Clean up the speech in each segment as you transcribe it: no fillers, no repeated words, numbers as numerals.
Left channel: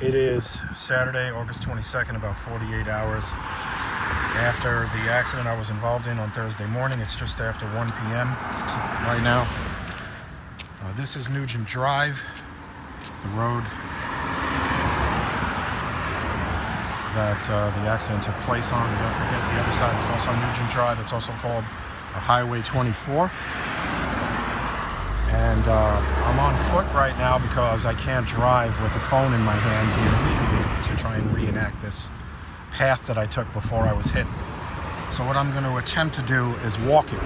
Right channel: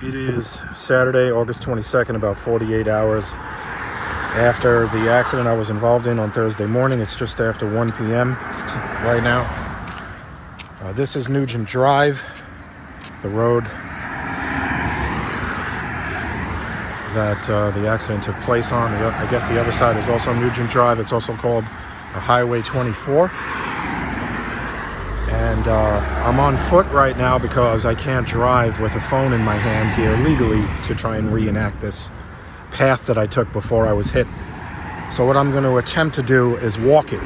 It is Saturday, August 22nd, about 48 hours after the accident I was involved in on Thursday morning. It's just after 1 p.m. right now. This is Nugent Drive, the road that the accident took place on. I guess the other side is also Nugent Drive. It's also called Highway 24. And I'm on foot right now because I can't drive with a phone in my hand here legally to try and reenact this path that I took before I was hit. So what I'm going to attempt to do is walk it.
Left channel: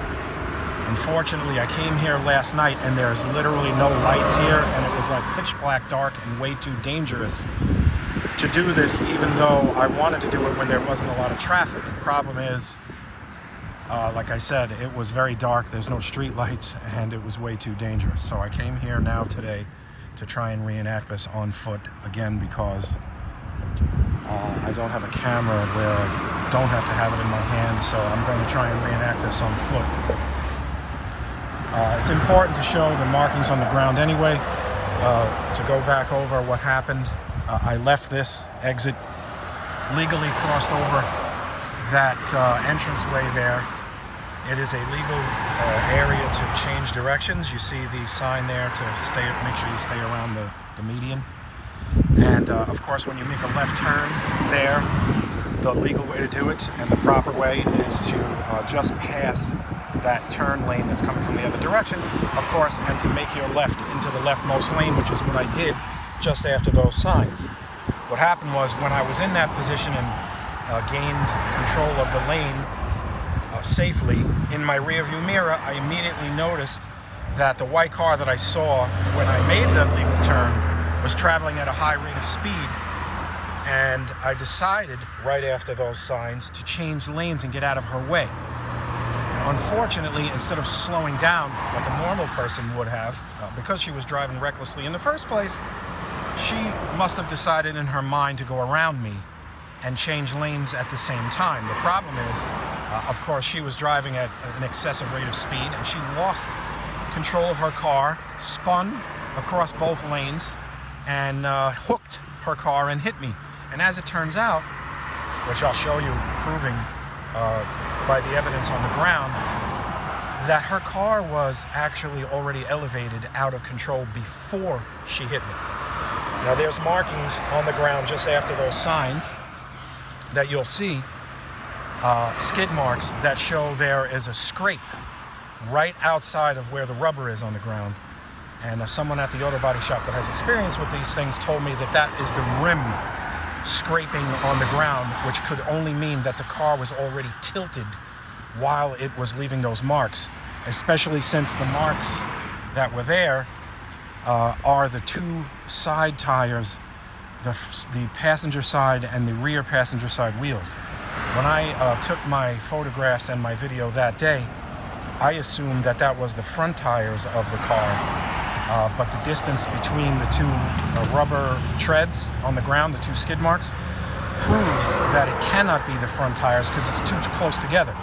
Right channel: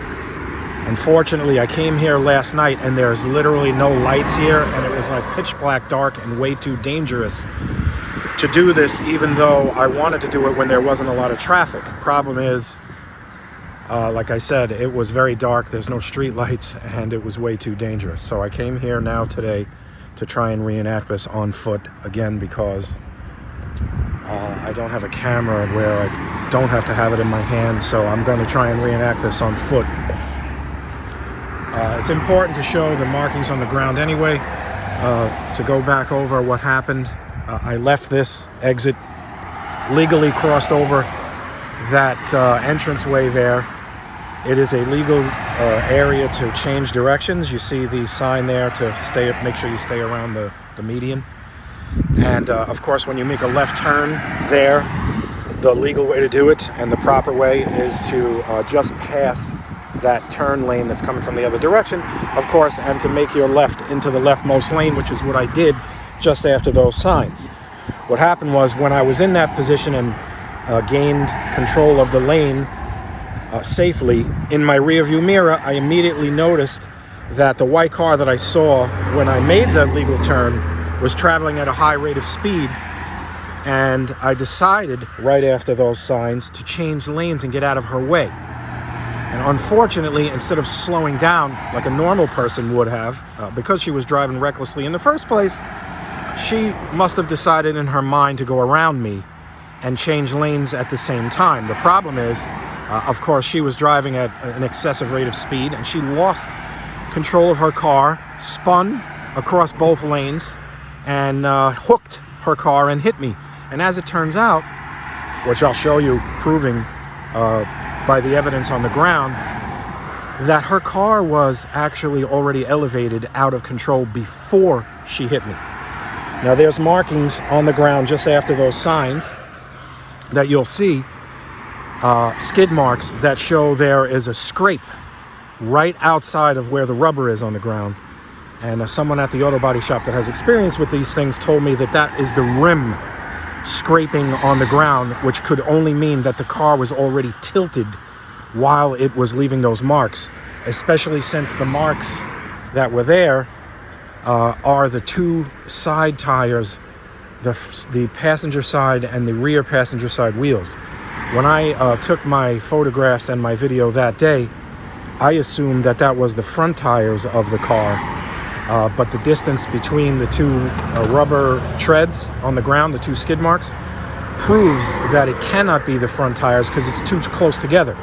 Unfortunately, I came here last night and there's literally no lights here, and it was like pitch black dark and way too dangerous to do this, even though I wanted to do it when there wasn't a lot of traffic. Problem is, like I said, it was very dark, there's no street lights, and it was way too dangerous. So I came here now today to try and reenact this on foot again, because I don't have a camera where I don't have to have it in my hand, so I'm going to try and reenact this on foot. It's important to show the markings on the ground anyway, to go back over what happened. I left this exit, legally crossed over that entranceway there. It is a legal area to change directions. You see the sign there to make sure you stay around the median. And of course, when you make a left turn there, the legal way to do it and the proper way is to just pass that turn lane that's coming from the other direction, of course, and to make your left into the leftmost lane, which is what I did just after those signs. What happened was, when I was in that position and gained control of the lane safely, in my rearview mirror, I immediately noticed that the white car that I saw when I made the legal turn was traveling at a high rate of speed, and I decided right after those signs to change lanes and get out of her way. And unfortunately, instead of slowing down like a normal person would have, because she was driving recklessly in the first place, she must have decided in her mind to go around me and change lanes at the same time. The problem is, of course, she was driving at an excessive rate of speed, and she lost control of her car, spun across both lanes, and hooked her car and hit me. And as it turns out, which I'll show you proving by the evidence on the ground, that her car was actually already elevated out of control before she hit me. Now there's markings on the ground just after those signs that you'll see, skid marks that show there is a scrape right outside of where the rubber is on the ground. And someone at the auto body shop that has experience with these things told me that that is the rim scraping on the ground, which could only mean that the car was already tilted while it was leaving those marks, especially since the marks that were there are the two side tires, the passenger side and the rear passenger side wheels. When I took my photographs and my video that day, I assumed that that was the front tires of the car. But the distance between the two rubber treads on the ground, the two skid marks, proves that it cannot be the front tires because it's too close together.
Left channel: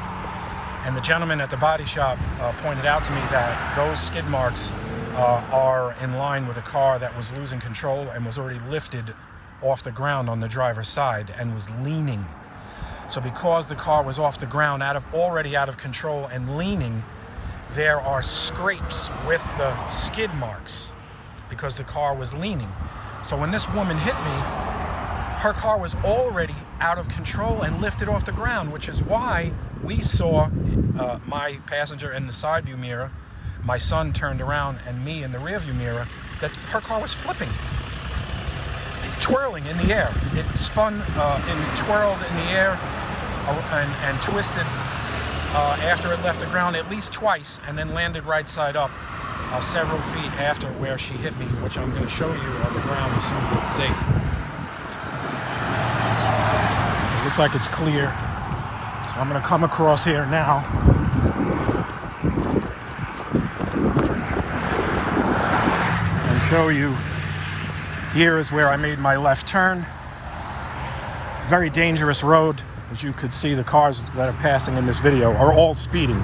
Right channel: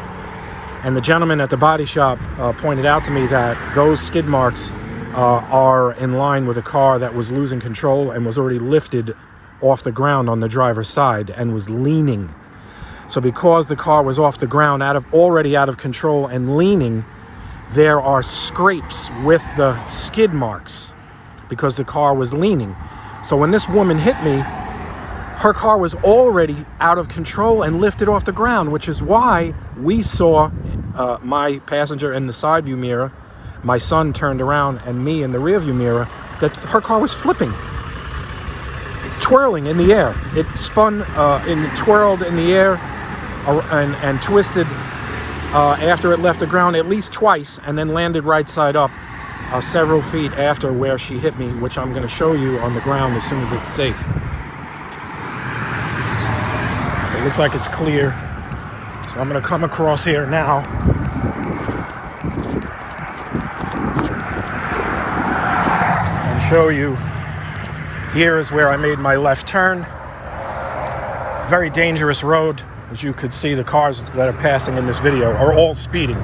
And the gentleman at the body shop pointed out to me that those skid marks are in line with a car that was losing control and was already lifted off the ground on the driver's side and was leaning. So because the car was off the ground, already out of control and leaning, there are scrapes with the skid marks because the car was leaning. So when this woman hit me, her car was already out of control and lifted off the ground, which is why we saw my passenger in the side view mirror, my son turned around, and me in the rear view mirror, that her car was flipping, twirling in the air. It spun and twirled in the air and twisted after it left the ground at least twice, and then landed right side up several feet after where she hit me, which I'm going to show you on the ground as soon as it's safe. It looks like it's clear, so I'm going to come across here now. And show you, here is where I made my left turn. Very dangerous road. As you could see, the cars that are passing in this video are all speeding.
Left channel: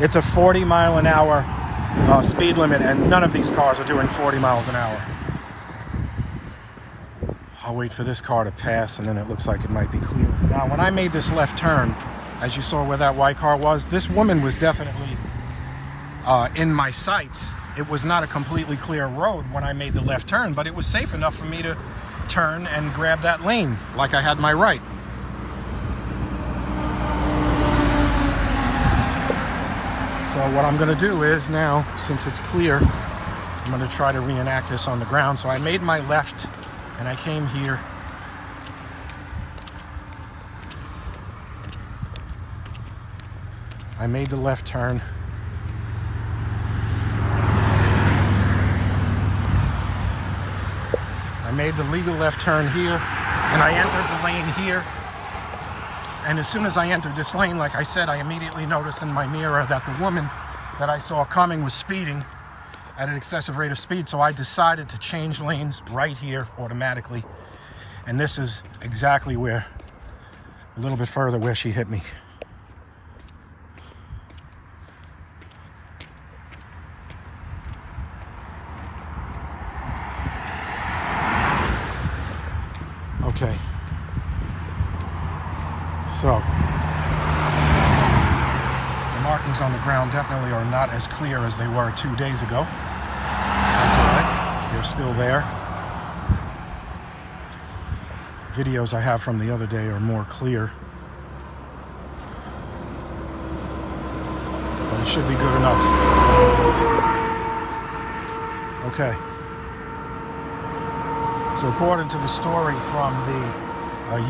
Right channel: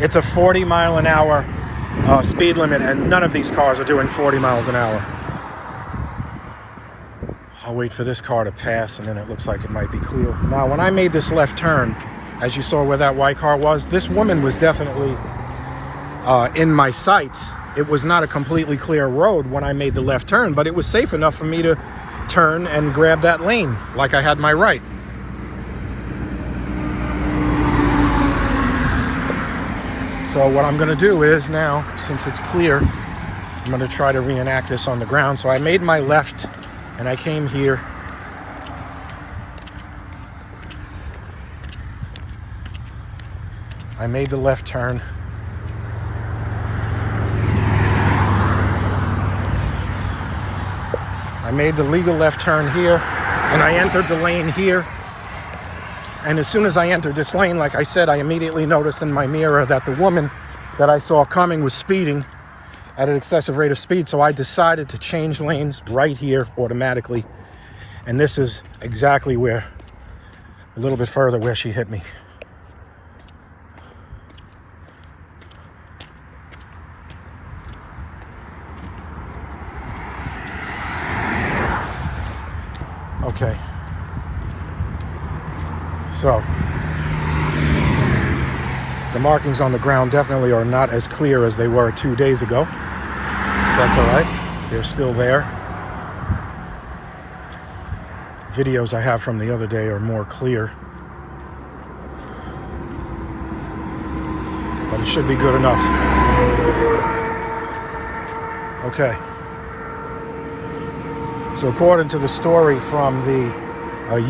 It's a 40-mile-an-hour speed limit, and none of these cars are doing 40 miles an hour. I'll wait for this car to pass, and then it looks like it might be clear. Now, when I made this left turn, as you saw where that white car was, this woman was definitely in my sights. It was not a completely clear road when I made the left turn, but it was safe enough for me to turn and grab that lane like I had my right. So what I'm gonna do is now, since it's clear, I'm gonna try to reenact this on the ground. So I made my left and I came here. I made the left turn. I made the legal left turn here, and I entered the lane here. And as soon as I entered this lane, like I said, I immediately noticed in my mirror that the woman that I saw coming was speeding at an excessive rate of speed. So I decided to change lanes right here automatically. And this is exactly where, a little bit further, where she hit me. Okay. So, the markings on the ground definitely are not as clear as they were 2 days ago. That's all right. They're still there. Videos I have from the other day are more clear. But it should be good enough. Okay. So according to the story from the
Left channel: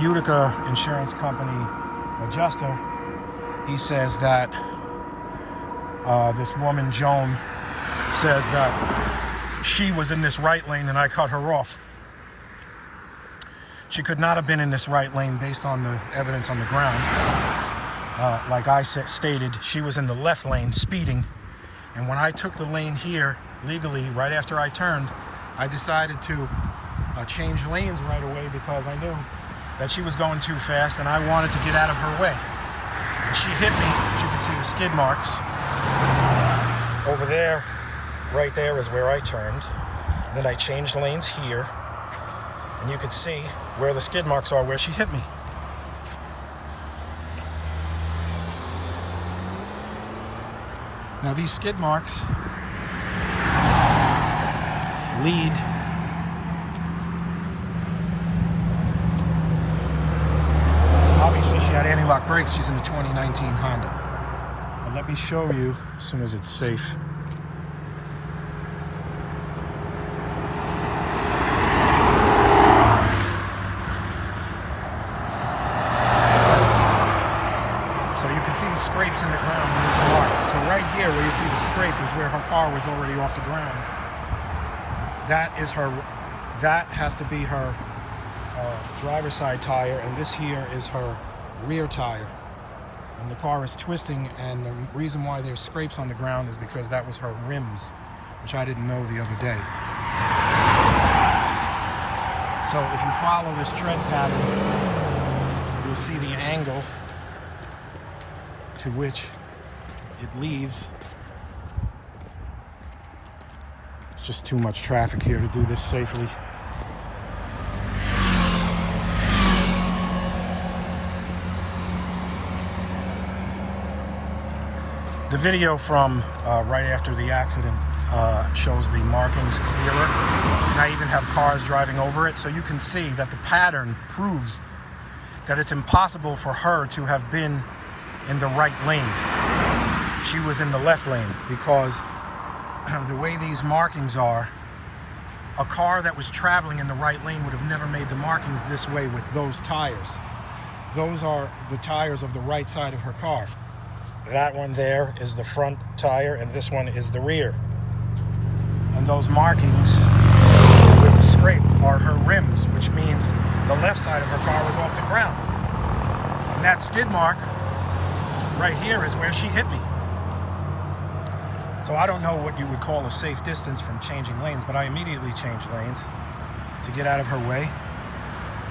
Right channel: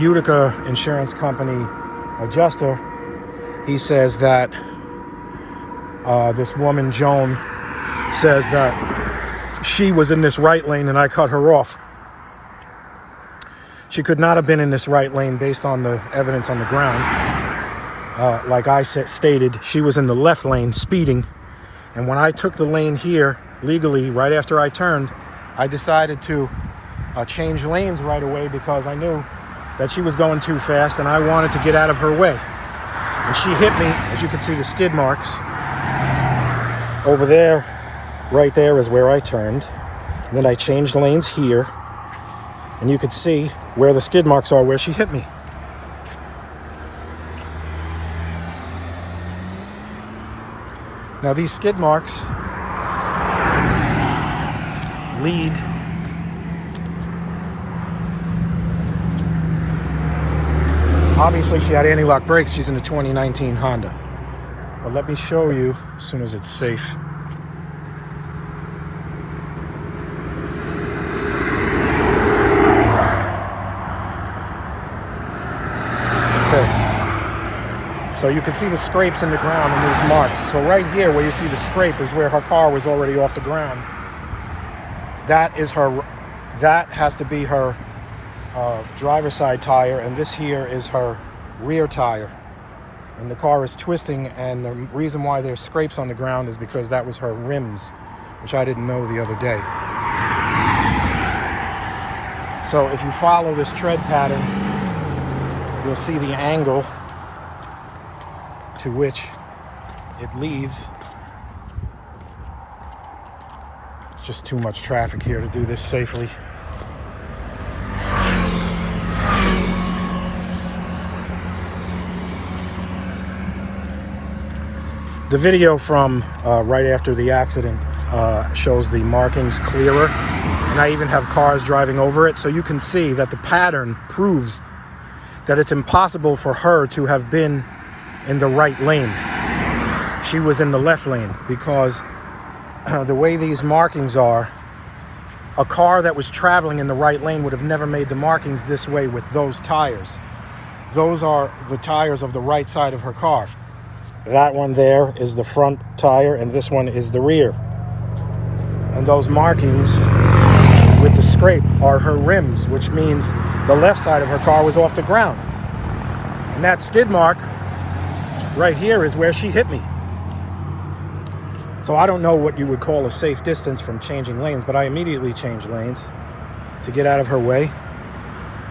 Utica insurance company adjuster, he says that this woman, Joan, says that she was in this right lane and I cut her off. She could not have been in this right lane based on the evidence on the ground. Like I stated, she was in the left lane speeding. And when I took the lane here legally, right after I turned, I decided to change lanes right away because I knew that she was going too fast and I wanted to get out of her way. And she hit me, as you can see the skid marks. Over there, right there is where I turned. And then I changed lanes here. And you could see where the skid marks are where she hit me. Now these skid marks lead obviously she had anti-lock brakes. She's in a 2019 Honda. But let me show you as soon as it's safe. So you can see the scrapes in the ground in these marks. So right here where you see the scrape is where her car was already off the ground. That is her, that has to be her driver's side tire, and this here is her rear tire. And the car is twisting, and the reason why there's scrapes on the ground is because that was her rims, which I didn't know the other day. So if you follow this tread pattern, you'll see the angle to which it leaves. It's just too much traffic here to do this safely. The video from right after the accident shows the markings clearer, and I even have cars driving over it, so you can see that the pattern proves that it's impossible for her to have been in the right lane. She was in the left lane because the way these markings are, a car that was traveling in the right lane would have never made the markings this way with those tires. Those are the tires of the right side of her car. That one there is the front tire, and this one is the rear. And those markings with the scrape are her rims, which means the left side of her car was off the ground. And that skid mark right here is where she hit me. So I don't know what you would call a safe distance from changing lanes, but I immediately changed lanes to get out of her way.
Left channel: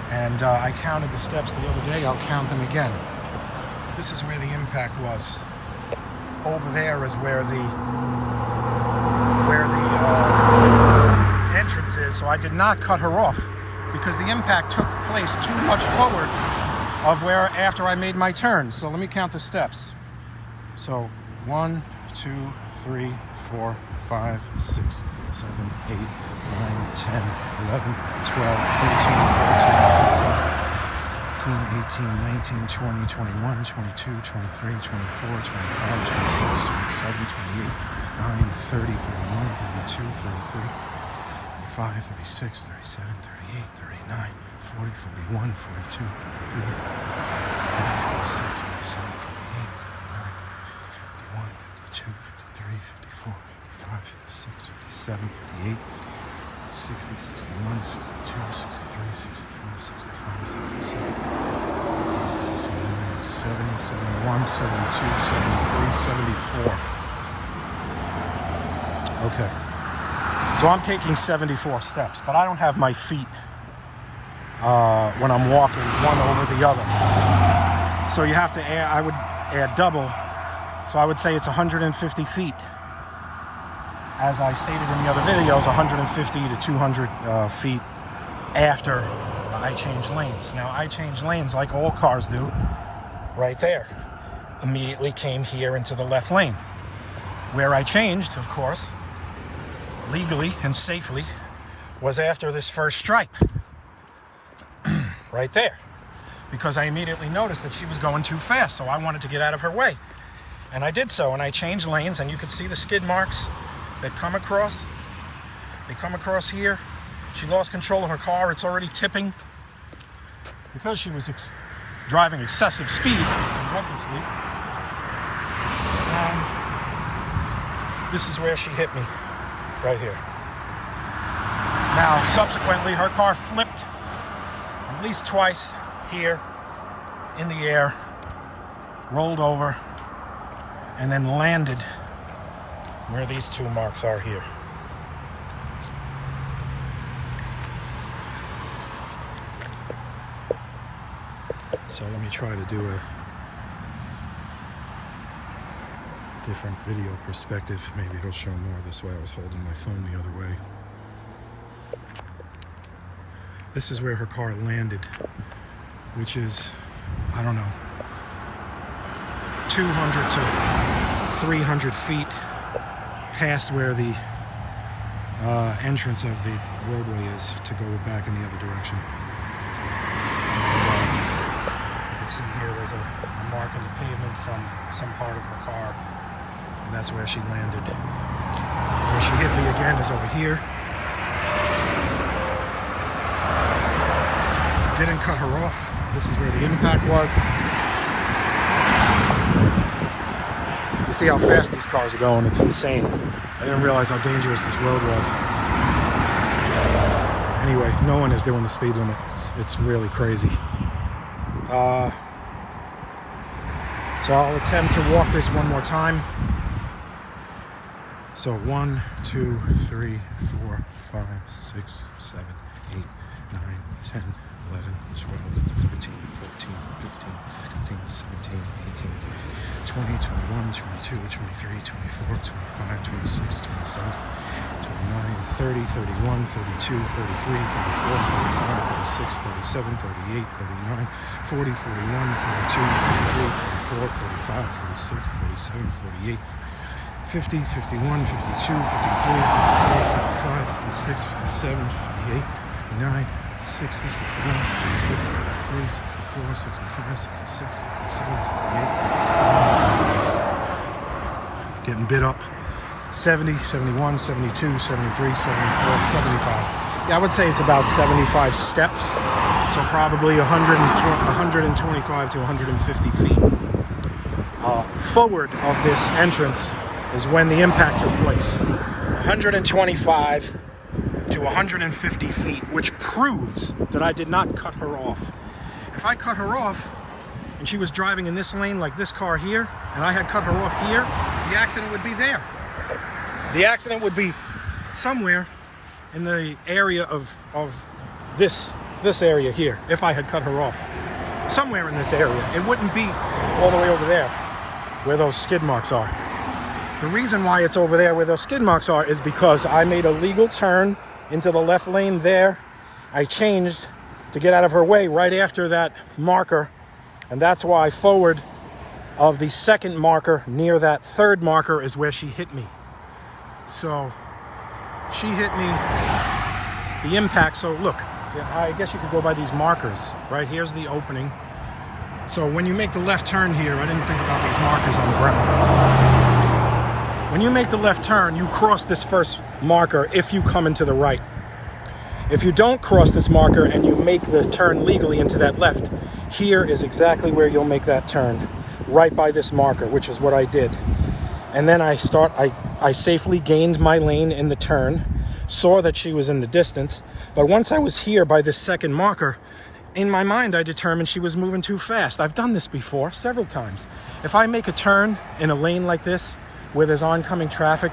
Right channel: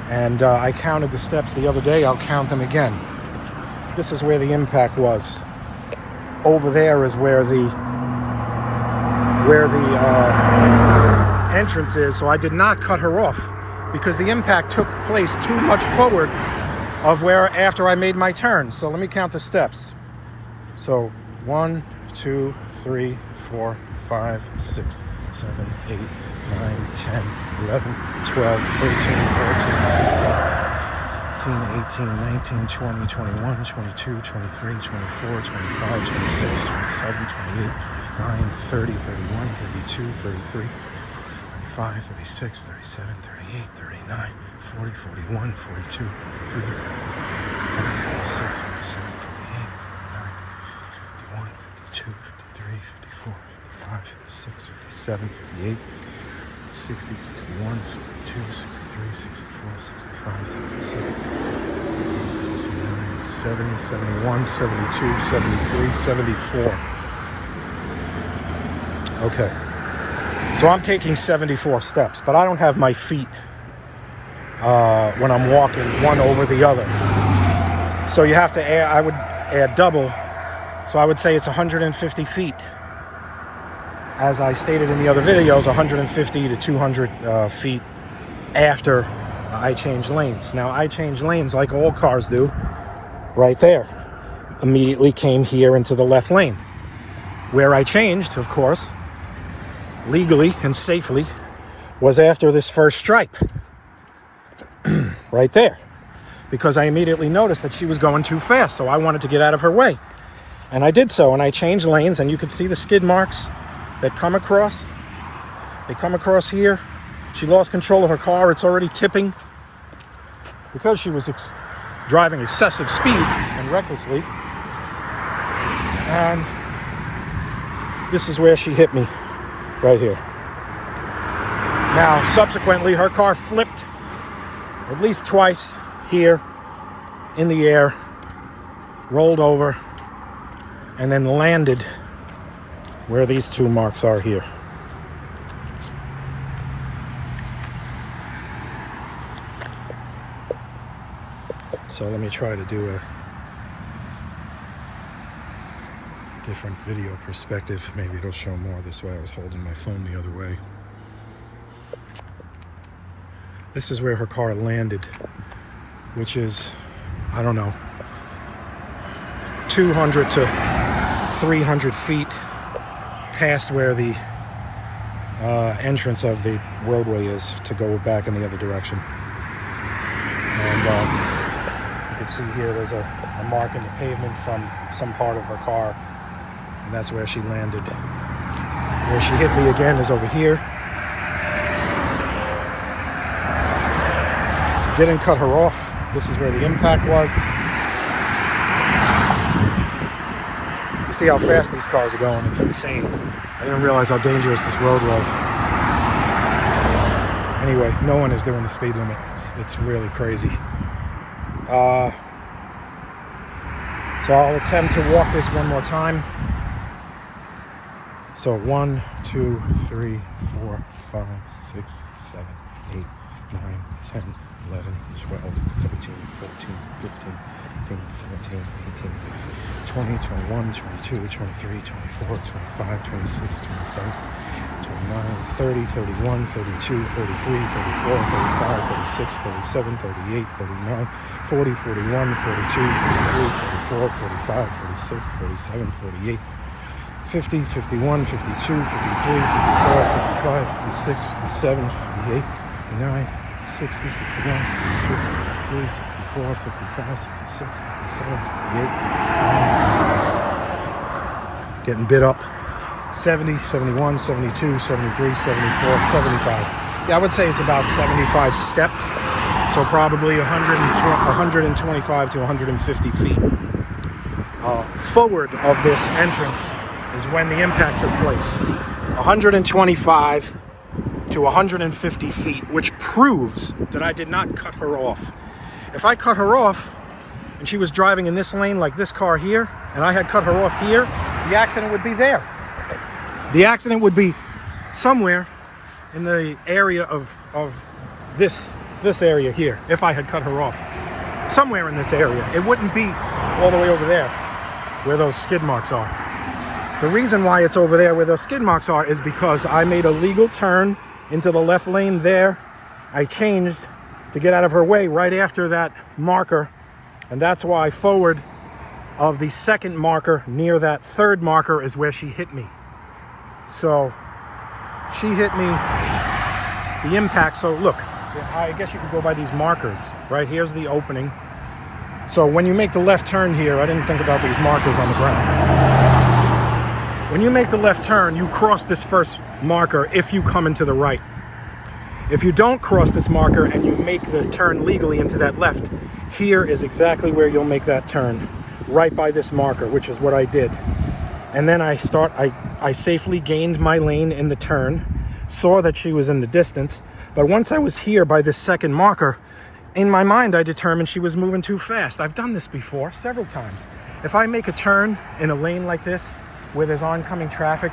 And I counted the steps the other day. I'll count them again. This is where the impact was. Over there is where the entrance is. So I did not cut her off. because the impact took place too much forward of where after I made my turn. So let me count the steps. So 1, 2, 3, 4, 5, 6, 7, 8, 9, 10, 11, 12, 13, 14, 15, 18, 19, 20, 21, 22, 23, 24, 25, 26, 27, 28, 9, 30, 31, 32, 33, 35, 36, 37, 38, 39, 40, 41, 42, 43, 45, 46, 47, 48, 49, 52, 53, 54, 55, 56, 57, 58, 60, 61, 62, 63, 64, 65, 66, 69, 70, 71, 72, 73, 74. Okay. So I'm taking 74 steps, but I don't have my feet when I'm walking one over the other. So you have to add, I would add double. So I would say it's 150 feet. As I stated in the other videos, 150 to 200 feet after I change lanes. Now I change lanes like all cars do, right there. Immediately came here into the left lane. Where I changed, of course, legally and safely, was after this first stripe. Right there. Because I immediately noticed that she was going too fast, so I wanted to get out of her way. And I did so, and I changed lanes, and you can see the skid marks that come across. They come across here. She lost control of her car. It's already tipping because she was driving excessive speed and recklessly. This is where she hit me, right here. Now, subsequently, her car flipped at least twice here in the air, rolled over, and then landed where these two marks are here. So let me try to do a different video perspective. Maybe it'll show more this way. I was holding my phone the other way. This is where her car landed, which is, I don't know, 200 to 300 feet past where the entrance of the roadway is to go back in the other direction. And you can see here there's a mark in the pavement from some part of her car, and that's where she landed. Where she hit me again is over here. Didn't cut her off. This is where the impact was. You see how fast these cars are going. It's insane. I didn't realize how dangerous this road was. Anyway, no one is doing the speed limit. It's really crazy. So I'll attempt to walk this one more time. So 1, 2, 3, 4, 5, 6, 7, 8, 9, 10, 11, 12, 13, 14, 15, 16, 17, 18, 20, 21, 22, 23, 24, 25, 26, 27, 29, 30, 31, 32, 33, 34, 35, 36, 37, 38, 39, 40, 41, 42, 43, 44, 45, 46, 47, 48, 50, 51, 52, 53, 54, 55, 56, 57, 58, 59, 60, 61, 63, 64, 65, 66, 67, 68. Getting bit up. 70, 71, 72, 73, 74, 75. Yeah, I would say it's about 75 steps. So probably 125 to 150 feet. Forward of this entrance is when the impact took place. 125 to 150 feet, which proves that I did not cut her off. If I cut her off and she was driving in this lane like this car here, and I had cut her off here, the accident would be there. The accident would be somewhere in the area of this area here, if I had cut her off. Somewhere in this area. It wouldn't be all the way over there where those skid marks are. The reason why it's over there where those skid marks are is because I made a legal turn into the left lane there, I changed to get out of her way right after that marker, and that's why forward of the second marker near that third marker is where she hit me. So she hit me, the impact. So look, I guess you could go by these markers, right? Here's the opening. So when you make the left turn here, I didn't think about these markers on the ground. When you make the left turn, you cross this first marker if you come into the right. If you don't cross this marker and you make the turn legally into that left, here is exactly where you'll make that turn, right by this marker, which is what I did. And then I safely gained my lane in the turn, saw that she was in the distance, but once I was here by this second marker, in my mind I determined she was moving too fast. I've done this before several times. If I make a turn in a lane like this, where there's oncoming traffic,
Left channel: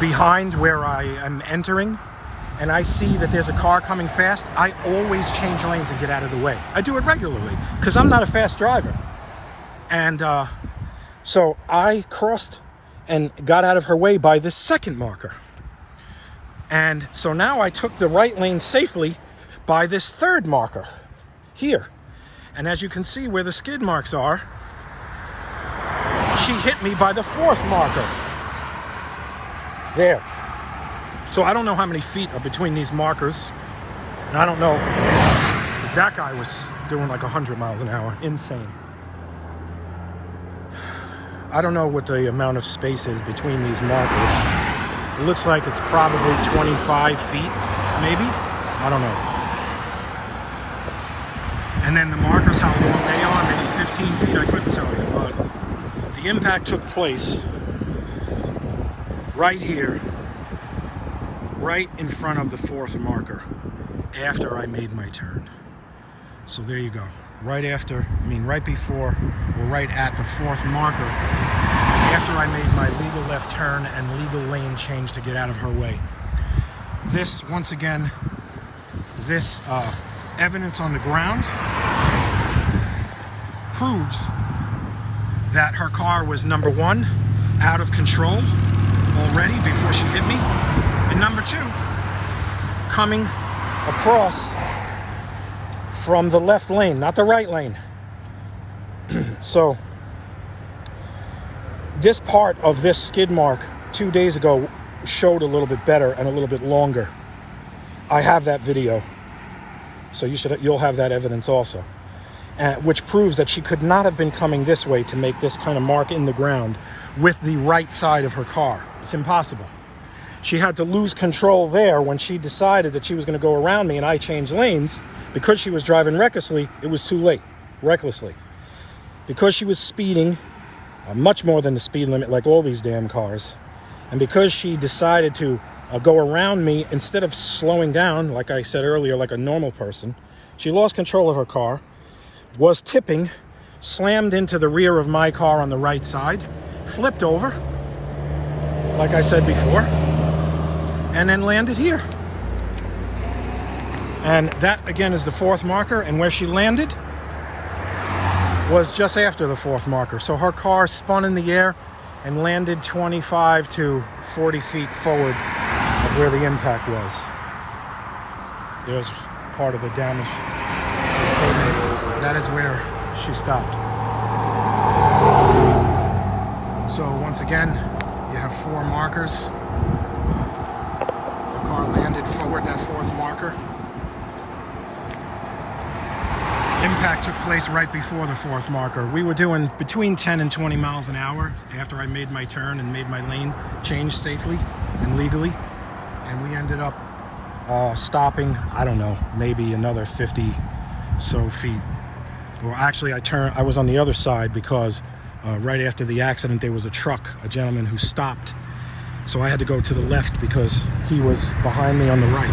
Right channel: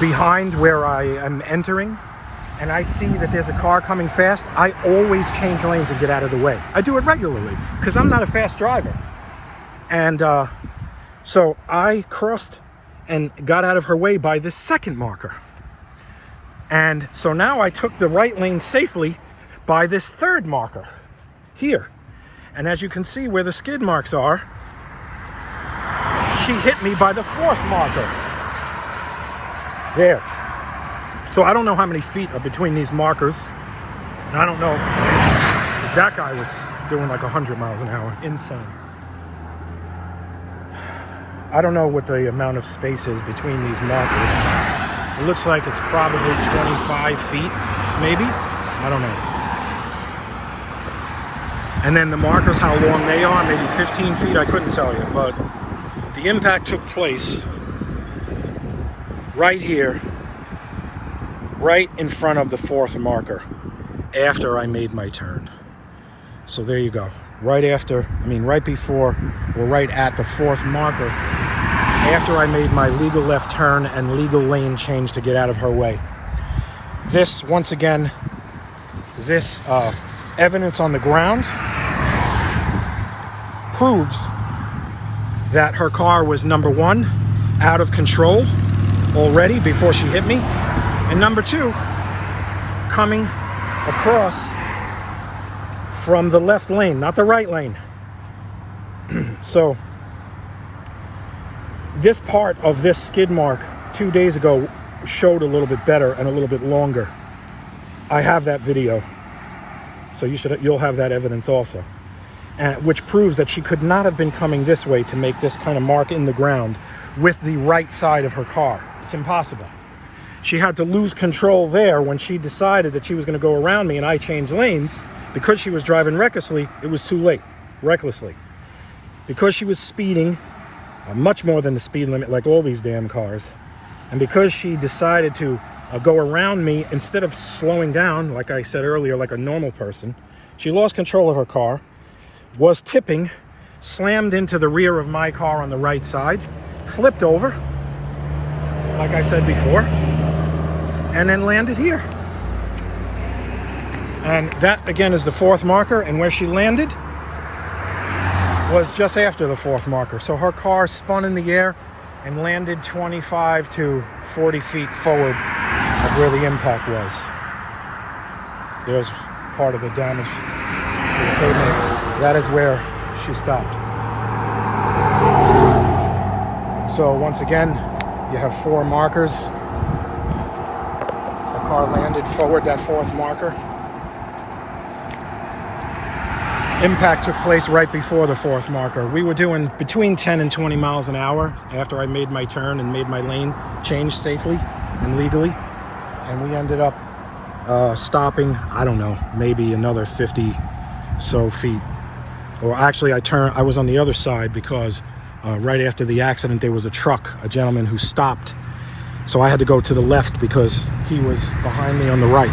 behind where I am entering, and I see that there's a car coming fast, I always change lanes and get out of the way. I do it regularly because I'm not a fast driver. And so I crossed and got out of her way by this second marker. And so now I took the right lane safely by this third marker here. And as you can see where the skid marks are, she hit me by the fourth marker. There. So I don't know how many feet are between these markers. And I don't know. That guy was doing like 100 miles an hour. Insane. I don't know what the amount of space is between these markers. It looks like it's probably 25 feet, maybe. I don't know. And then the markers, how long they are, maybe 15 feet, I couldn't tell you. But the impact took place right here, right in front of the fourth marker, after I made my turn. So there you go. Right before, or right at the fourth marker, after I made my legal left turn and legal lane change to get out of her way. This, once again, this evidence on the ground proves that her car was, number one, out of control already before she hit me, and number two, coming across from the left lane, not the right lane. So this part of this skid mark 2 days ago showed a little bit better and a little bit longer. I have that video, so you'll have that evidence also, which proves that she could not have been coming this way to make this kind of mark in the ground with the right side of her car. It's impossible. She had to lose control there when she decided that she was going to go around me and I changed lanes. Because she was driving recklessly, it was too late. Recklessly. Because she was speeding, much more than the speed limit, like all these damn cars, and because she decided to go around me instead of slowing down, like I said earlier, like a normal person, she lost control of her car, was tipping, slammed into the rear of my car on the right side, flipped over, like I said before, and then landed here. And that, again, is the fourth marker, and where she landed was just after the fourth marker. So her car spun in the air and landed 25 to 40 feet forward of where the impact was. There's part of the damage to the pavement. That is where she stopped. So once again, you have four markers. The car landed forward that fourth marker. Impact took place right before the fourth marker. We were doing between 10 and 20 miles an hour after I made my turn and made my lane change safely and legally. And we ended up stopping, I don't know, maybe another 50 so feet. Or actually, I was on the other side because right after the accident, there was a gentleman who stopped. So I had to go to the left because he was behind me on the right.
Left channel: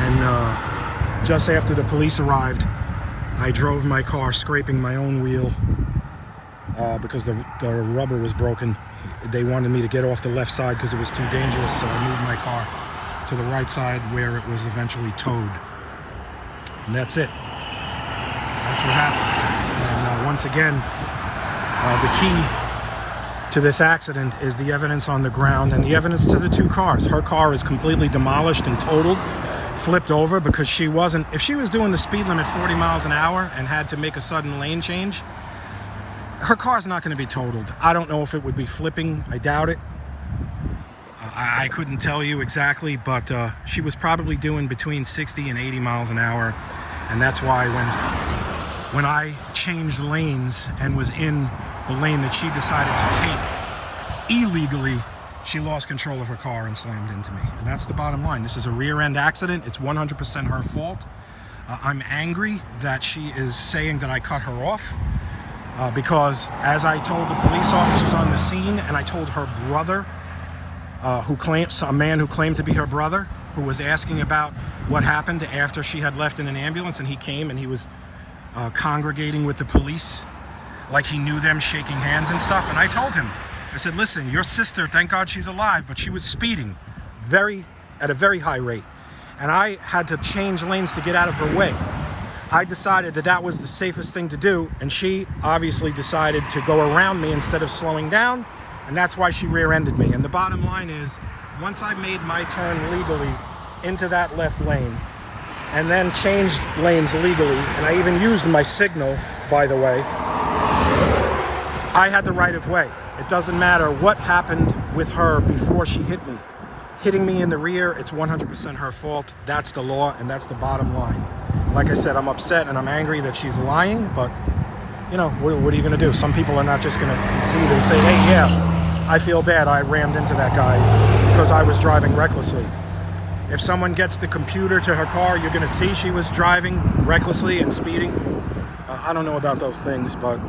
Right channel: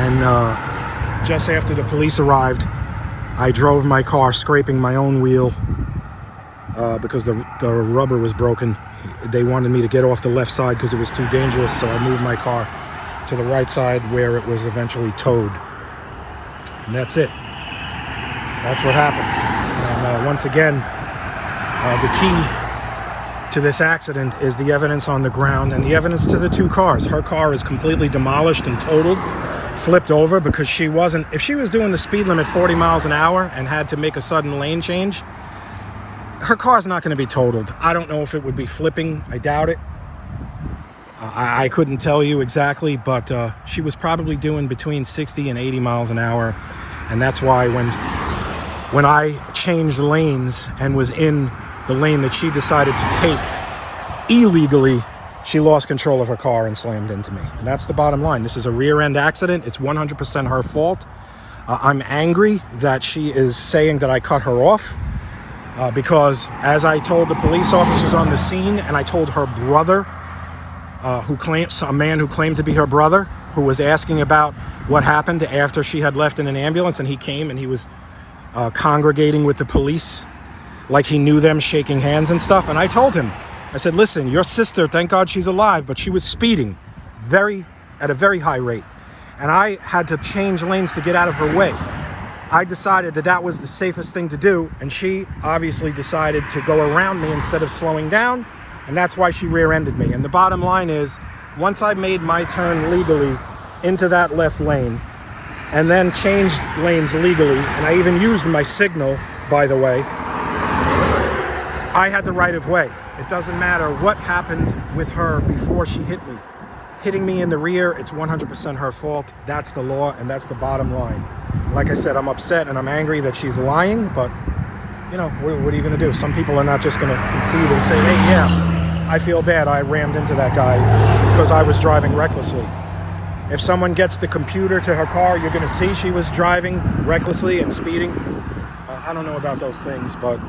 And just after the police arrived, I drove my car, scraping my own wheel because the rubber was broken. They wanted me to get off the left side because it was too dangerous, so I moved my car to the right side where it was eventually towed. And that's it. That's what happened. And once again, the key to this accident is the evidence on the ground and the evidence to the two cars. Her car is completely demolished and totaled, flipped over, because she wasn't, if she was doing the speed limit 40 miles an hour and had to make a sudden lane change, her car's not going to be totaled. I don't know if it would be flipping. I doubt it. I couldn't tell you exactly, but she was probably doing between 60 and 80 miles an hour. And that's why when I changed lanes and was in the lane that she decided to take illegally, she lost control of her car and slammed into me. And that's the bottom line. This is a rear end accident. It's 100% her fault. I'm angry that she is saying that I cut her off because, as I told the police officers on the scene, and I told her brother, a man who claimed to be her brother, who was asking about what happened after she had left in an ambulance, and he came and he was congregating with the police like he knew them, shaking hands and stuff. And I told him, I said, listen, your sister, thank God she's alive, but she was speeding at a very high rate. And I had to change lanes to get out of her way. I decided that that was the safest thing to do, and she obviously decided to go around me instead of slowing down, and that's why she rear-ended me. And the bottom line is, once I made my turn legally into that left lane, and then changed lanes legally, and I even used my signal, by the way, I had the right of way. It doesn't matter what happened with her before she hit me. Hitting me in the rear, it's 100% her fault. That's the law, and that's the bottom line. Like I said, I'm upset and I'm angry that she's lying, but, you know, what are you going to do? Some people are not just going to concede and say, hey, yeah, I feel bad. I rammed into that guy because I was driving recklessly. If someone gets the computer to her car, you're going to see she was driving recklessly and speeding. I don't know about those things, but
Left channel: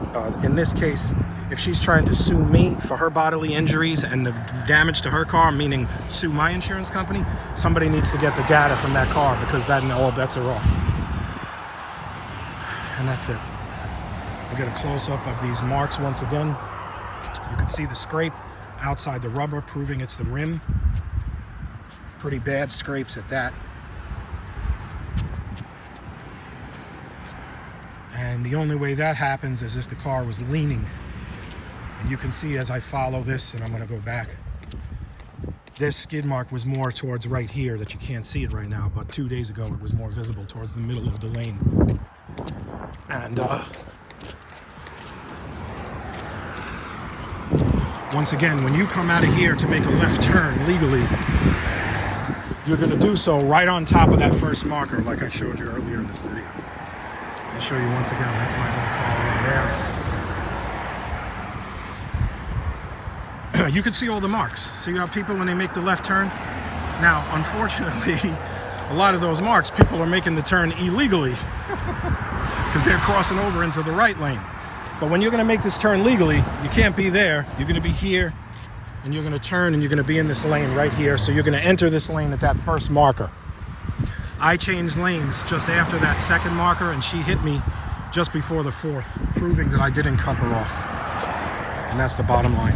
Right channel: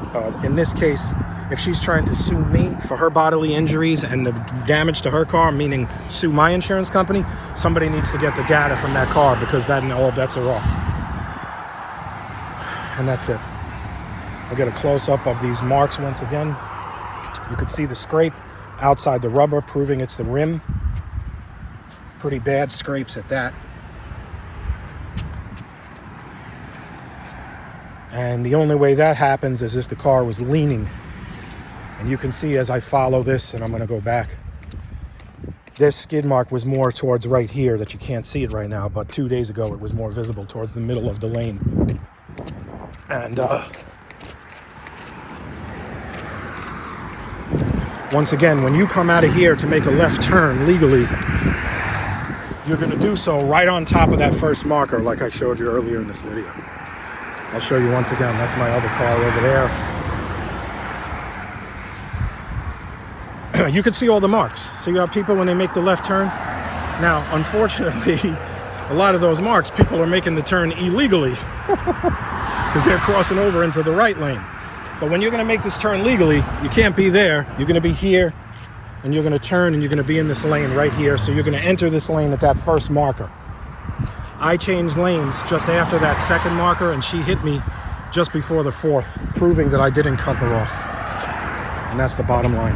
in this case, if she's trying to sue me for her bodily injuries and the damage to her car, meaning sue my insurance company, somebody needs to get the data from that car, because then all bets are off. And that's it. I'll get a close-up of these marks once again. You can see the scrape outside the rubber, proving it's the rim. Pretty bad scrapes at that. And the only way that happens is if the car was leaning. And you can see as I follow this, and I'm going to go back, this skid mark was more towards right here, that you can't see it right now, but 2 days ago it was more visible towards the middle of the lane. And once again, when you come out of here to make a left turn legally, you're going to do so right on top of that first marker, like I showed you earlier in this video. I'll show you once again. That's my other car over there. You can see all the marks. See how people, when they make the left turn? Now, unfortunately, a lot of those marks, people are making the turn illegally because they're crossing over into the right lane. But when you're going to make this turn legally, you can't be there. You're going to be here, and you're going to turn, and you're going to be in this lane right here. So you're going to enter this lane at that first marker. I changed lanes just after that second marker, and she hit me just before the fourth, proving that I didn't cut her off. And that's the bottom line.